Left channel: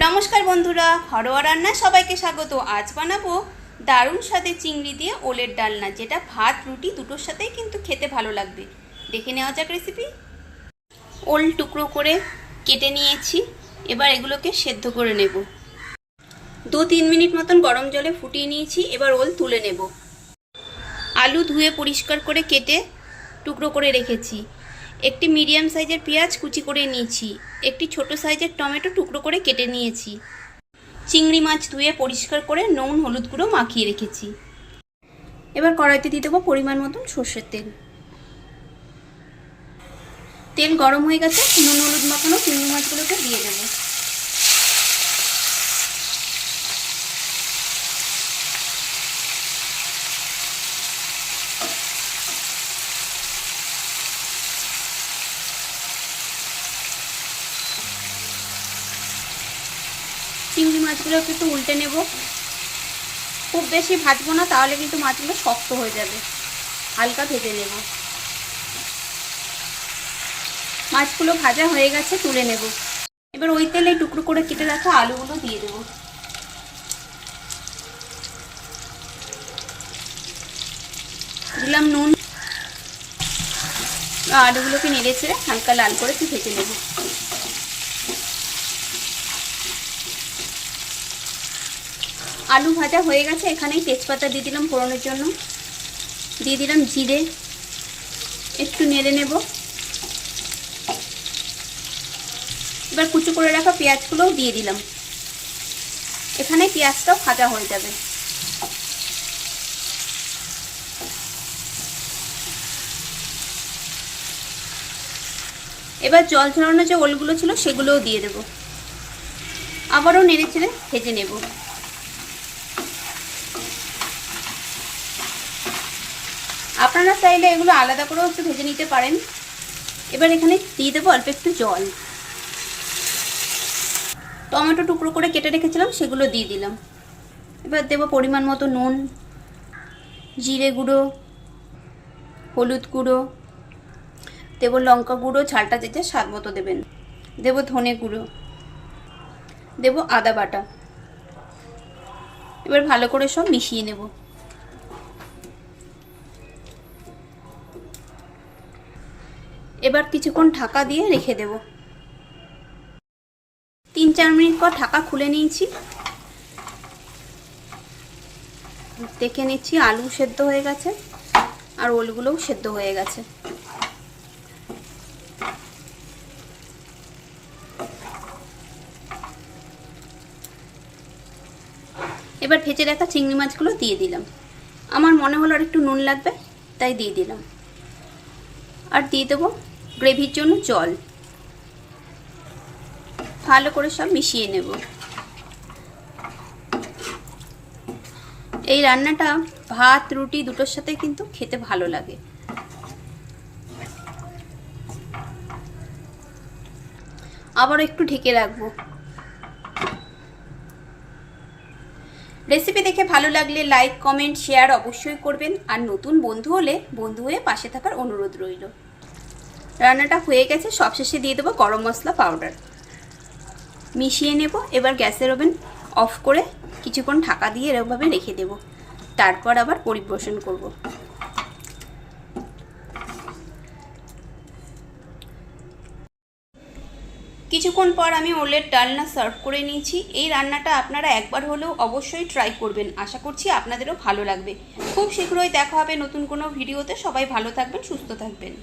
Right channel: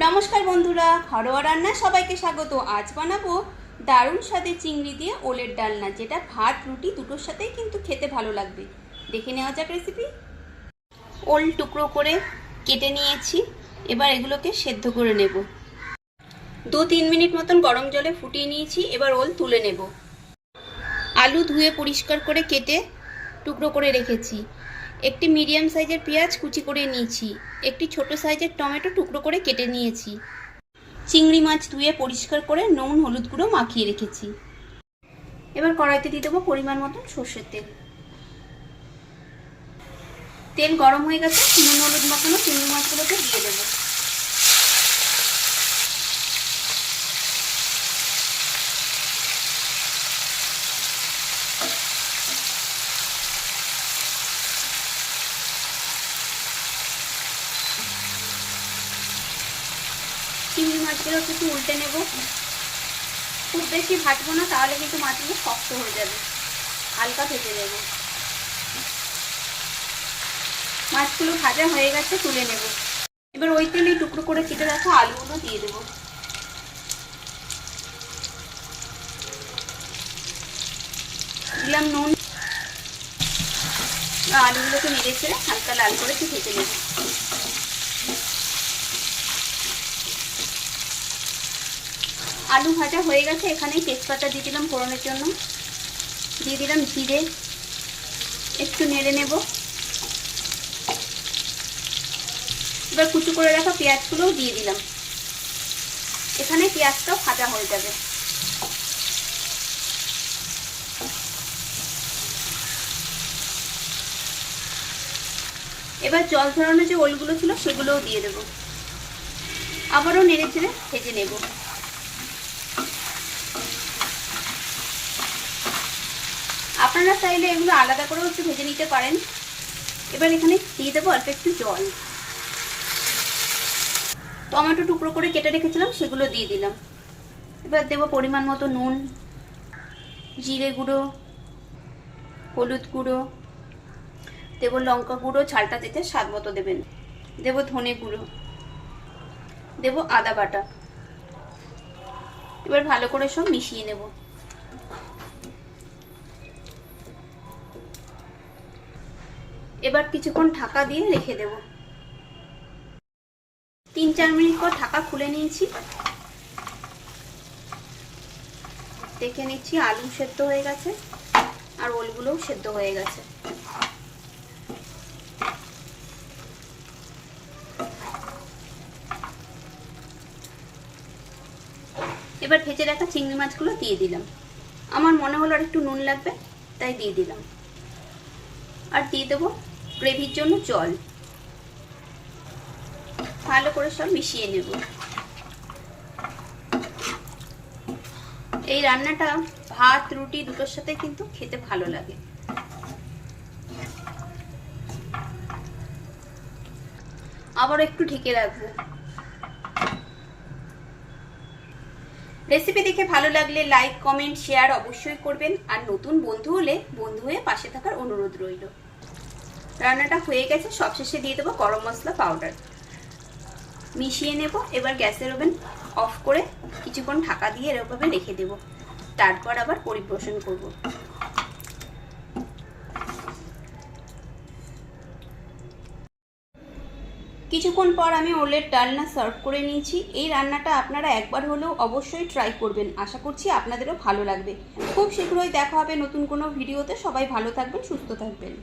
নমস্কার বন্ধুরা, ঘরোয়া রান্না সবাইকে স্বাগত। আজ বানাবো দারুণ স্বাদে চিংড়ি দিয়ে ওলের ডালনা, যেটা ভাত, রুটি দুটোর সাথেই কিন্তু খেতে ভালো লাগবে। দেখে নেওয়া যাক রেসিপি ওল টুকরো করে কেটে নিয়েছি, এবার এগুলোকে সেদ্ধ করে নেব। দু তিন মিনিট মতন গরম জলে ফুটিয়ে নিয়েছি, এবার ওল তুলে নেব। আলু ধুয়ে পরিষ্কার করে কেটে টুকরো করে রেখেছি। একটি মিডিয়াম সাইজের পেঁয়াজ কুচি করে নিয়েছি, একটি ছোট সাইজের টমেটো টুকরো করে কেটে নিয়েছি। চিংড়ি মাছ ধুয়ে পরিষ্কার করে নুন, হলুদ গুঁড়ো মাখিয়ে রেখেছি। এবার কড়াইতে দিয়ে দেবো পরিমাণ মতন সর্ষের তেল। তেল গরম হয়ে গেছে, নুন, হলুদ মাখানো চিংড়ি মাছগুলোকে দিয়ে দেবো। মাছগুলো একটু উল্টে নেব। খুব বেশি ভাজবো না, তাহলে কিন্তু মাছগুলো শক্ত হয়ে যাবে। হালকা ভেজে নেব। মাছগুলো ভাজা হয়ে গেছে, তুলে নেব। এবার ওই তেলে টুকরো করে কেটে রাখা আলুগুলো দিয়ে দেব। দিলাম নুন। আলুগুলোকে নেড়ে ছেড়ে হালকা লাল করে ভেজে নেব। আলু ভাজা হয়ে গেছে, এখানেই তেজপাতা দিয়ে দিলাম ফোড়নের জন্য। দিয়ে দিলাম জিরে, একটু নেড়ে নেব। এবার কুচু করে রাখা পেঁয়াজগুলোও দিয়ে দিলাম। এখানে পেঁয়াজটাও ভাজা হয়ে যাবে। এবার জল ঝরানো যে ওলগুলো ছিল, সেগুলোও দিয়ে দেব। আবারও নেড়ে চেড়ে ভেজে নেব। আপনারা চাইলে এগুলো আলাদা করেও একটু ভেজে নিতে পারেন। এবার এখানে দিয়ে দেবো অল্প একটু জল। টমেটো টুকরো করে কেটে রেখেছিলাম, সেগুলো দিয়ে দিলাম। এবার দেবো পরিমাণ মতো নুন, জিরে গুঁড়ো, হলুদ গুঁড়ো, দেবো লঙ্কা গুঁড়ো, ঝালটা দিতে স্বাদ মতো দেবেন। দেবো ধনে গুঁড়ো, দেবো আদা বাটা। এবার ভালো করে সব মিশিয়ে নেব। এবার কিছুক্ষণ ঢাকা দিয়ে রেখে দেব। তিন চার মিনিট পর ঢাকা খুলে নিয়েছি। দেখে নিচ্ছি আলু সেদ্ধ হয়ে গেছে আর ওলগুলোও সেদ্ধ হয়ে গেছে। এবার ভেজে রাখা চিংড়ি মাছগুলো দিয়ে দিলাম। আমার মনে হলো আর একটু নুন লাগবে, তাই দিয়ে দিলাম। আর দিয়ে দেবো গ্রেভির জন্য জল। ভালো করে সব মিশিয়ে নেব। এই রান্নাটা ভাত, রুটি দুটোর সাথে কিন্তু খেতে ভালো লাগে। আবার একটু ঢেকে রাখব। রেসিপি দেখে ভালো লাগলে লাইক, কমেন্ট, শেয়ার অবশ্যই করবেন। আর নতুন বন্ধু হলে বন্ধু হয়ে পাশে থাকার অনুরোধ রইল। রান্নাটা হয়ে গেছে। সবশেষে দিয়ে দেবো গরম মশলা পাউডার মিশিয়ে নেব। এবার গ্যাসের ওভেন অফ করে কিছুক্ষণ ঢাকা দিয়ে এরকমভাবে রেখে দেব। তারপর আবার পরিপোষণ করব। কিছুক্ষণ পর আমি ওলের ডালনা সার্ভ করে নিয়েছি। এই রান্নাটা আপনারা একবার হলেও অবশ্যই ট্রাই করবেন। আশা করছি আপনাদেরও ভালো লাগবে। খুব শীঘ্রই দেখা হবে নতুন কোনো ভিডিওতে। সবাই ভালো থাকবেন, সুস্থ থাকবেন।